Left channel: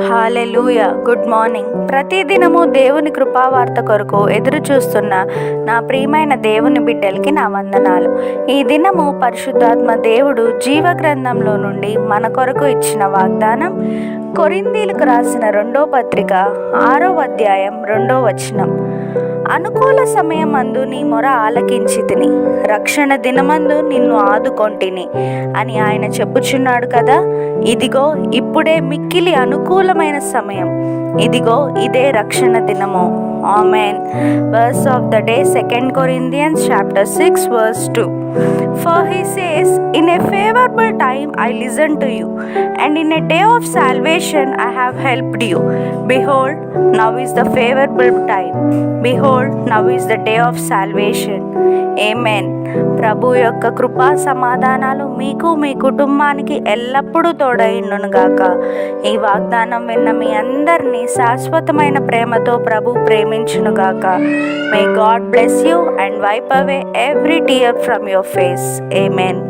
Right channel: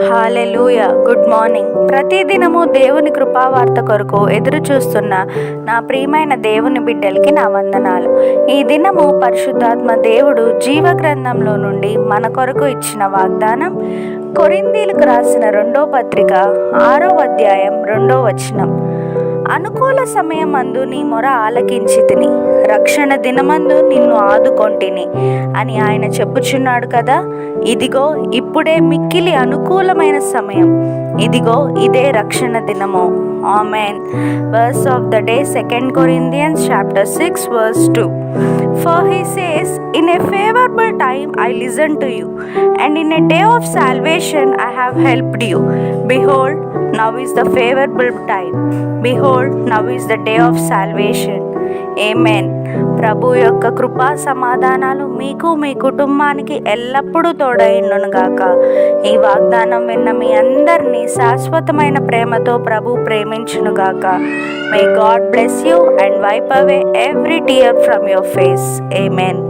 హల్లెలూయా. Good morning. ప్రతిదినము దేవుని కృపావార్త కొరకు ఎదురు చూస్తున్న నా ప్రియమైన దేవుని బిడ్డలకి నా వందనాలు. ఈ దినము పరిశుద్ధాత్మ దేవుడు జీవ గ్రంథంలో నుండి మన కొరకు ఇచ్చిన వాగ్దానం కొరింథీయులకు రాసిన 2వ పత్రిక 6వ అధ్యాయం 2వ వచనం. అనుకూల సమయమందు నీ మొర ఆలకించితిని, రక్షణ దినమందు నిన్ను ఆదుకొంటిని అని ఆయన చెప్పుచున్నాడు కదా. ఇదిగో ఇప్పుడే మిక్కిలి అనుకూలమైన సమయం, ఇదిగో ఇదే రక్షణ దినము. Amen. Verse of the day, 2 Corinthians chapter 6 verse 2. For he says, in a favorable time I listened to you, and in a day of salvation I have helped you. Behold, now is the favorable time. Behold, now is the day of salvation. ఆమేన్. ప్రభు యొక్క కృపా సమాధానాలు మీకు మీ కుటుంబానికి ఎల్లప్పుడూ తోడైండునుగాక. ఈ వాగ్దానం విన్న మీ అందరినీ శాశ్వతమైన ప్రేమతో ప్రభు ప్రేమించునుగాక. May God bless you and wipe away every tear from your face. Amen.